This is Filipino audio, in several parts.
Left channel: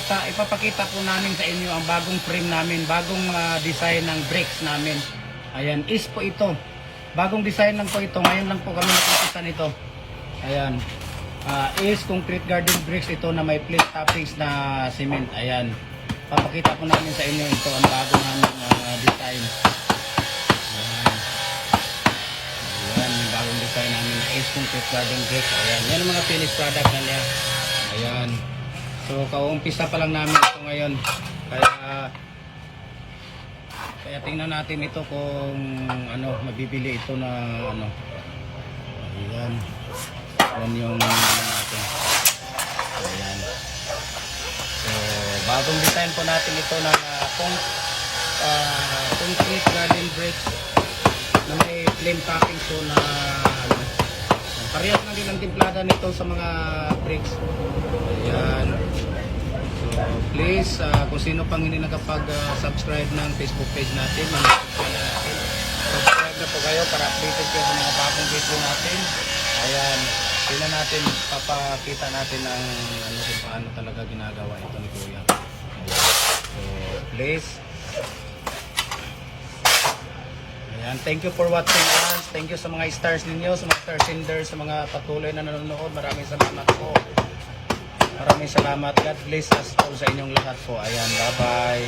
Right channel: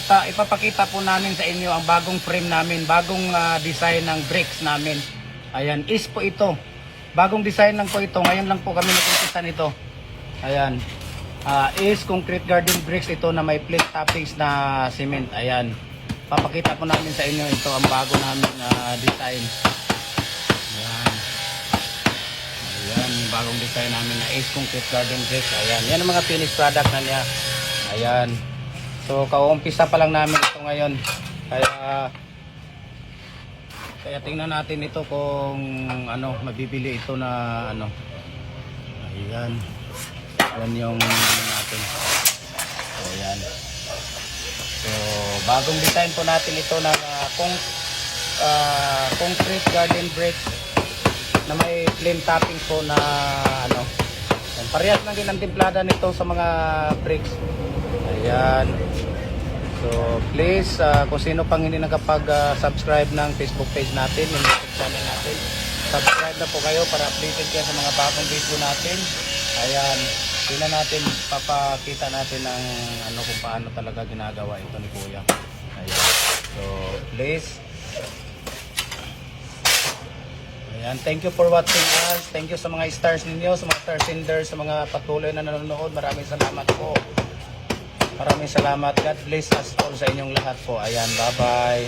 ipapakita po namin sa inyo ang bagong frame namin, bagong design ng brakes namin. Ayan, is po ito. Bagong design lang po ito. Ngayon lang po kami nakikita nito. Ayan. Is concrete garden bricks ito na may plate toppings na cement. Ayan. Papakita po namin sa inyo ito ang bago namin design. Ayan. Ayan, bagong design namin na is concrete garden bricks. Ayan. Yan ang mga finished product na niya. Ayan. So, kauumpisa pa lang namin ito ngayon. Kaya tingnan natin ito kung mabibili ito na Ayan. Yan yung natin. Ayan. So, bagong design po natin ito na concrete garden bricks na may flame topping po na parehas lang din ang timplada nito sa mga bricks. Ayan. So, please, kung sino pang hindi nakapag-subscribe ng Facebook page natin, subscribe na po kayo para updated kayo sa mga bagong video natin. Ayan. Tingnan natin, papakita natin ang kung paano talaga ginagawa ito ni Kuya. Ayan. So, please. Ayan. Thank you for watching us. Thank you sa mga stars ninyo, sa mga star senders, sa mga patuloy na nanonood. Maraming salamat po. Maraming salamat. God bless us all sa inyong lahat po. Ayan, bye-bye.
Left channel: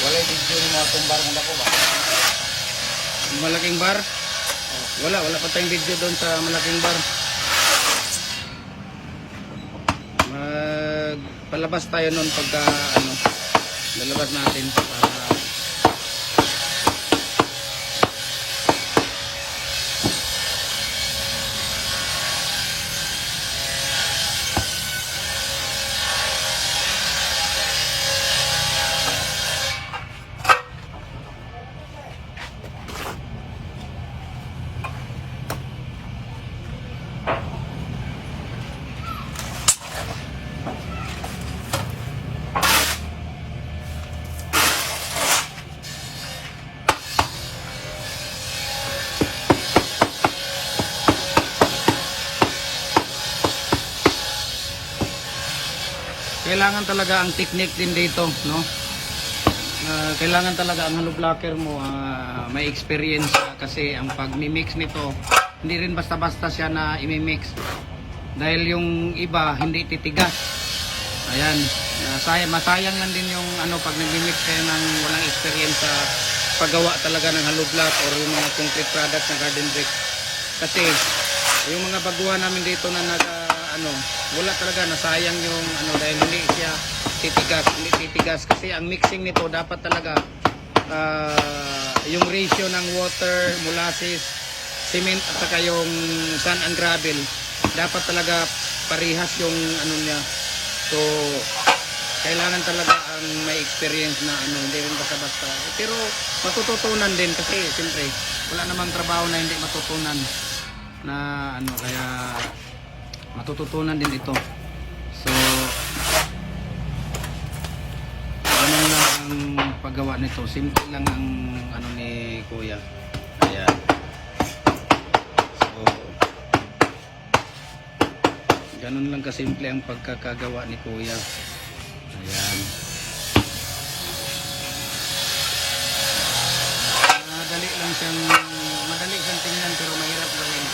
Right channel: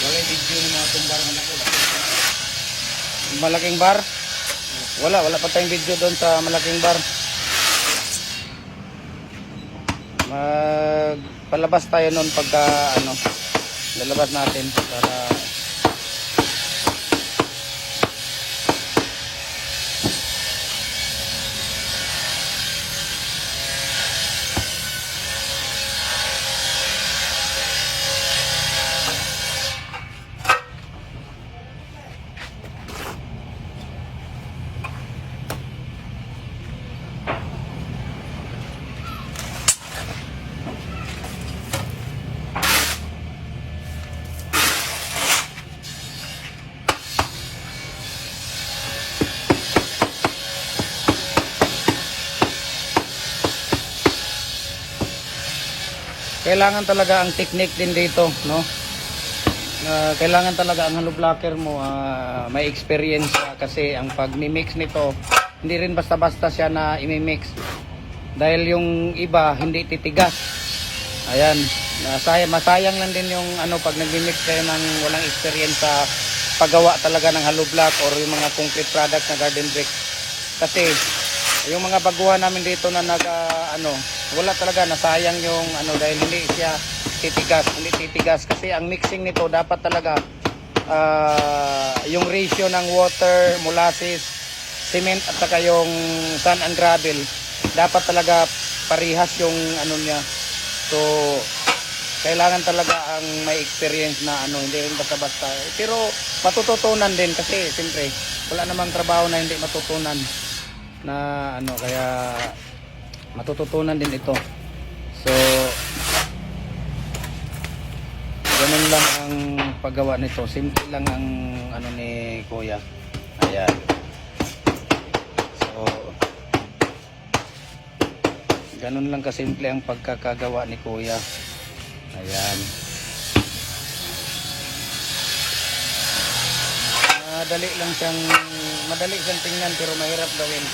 Walang video ng mga tumbar na ako ba? Malaking bar? Wala pa tayong video doon sa malaking bar. Magpalabas tayo noon pagka lalabas natin para kailangan talaga ang technique din dito, no? Kailangan talaga ang hollow blocker mo may experience kasi ang pag-mix nito hindi rin basta-basta siya na i-mix dahil yung iba hindi titigas. Ayan, masayang lang din yung pag nag-mix kayo ng walang experience sa paggawa talaga ng hollow block or yung mga concrete product na garden bricks. Kasi yung mga baguhan namin dito na wala talaga, nasayang yung dahil hindi siya titigas kasi ang mixing nito dapat talaga yung ratio ng water, molasses, cement at saka yung sand and gravel dapat talaga parehas yung niya. So kailangan talaga ang may experience na hindi rin basta-basta, pero matututunan din kasi siyempre wala namang trabaho na hindi matutunan na kaya matututunan din ito. So ganun lang ang paggawa nito, simple lang ang ni Kuya. Ayan. So ganun lang kasimple ang pagkakagawa ni Kuya. Ayan. Madali siyang tingnan pero mahirap gawin.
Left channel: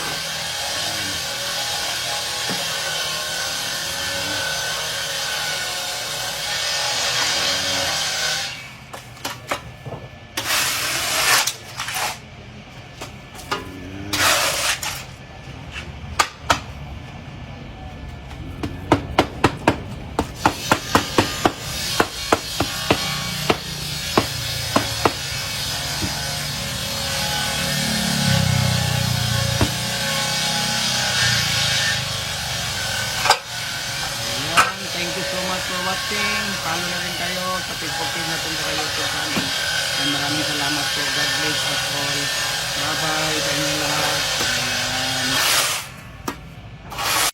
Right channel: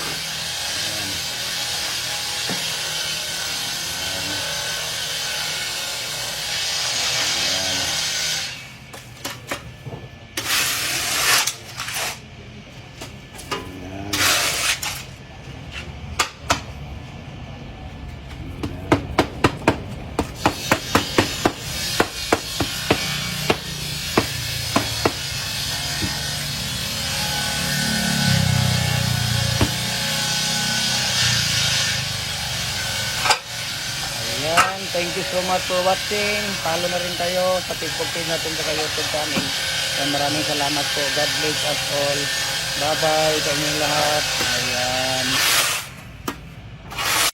Thank you so much for watching. Follow na rin kayo sa Facebook page natin sa YouTube channel. And maraming salamat po. God bless us all. Bye bye sa inyong lahat.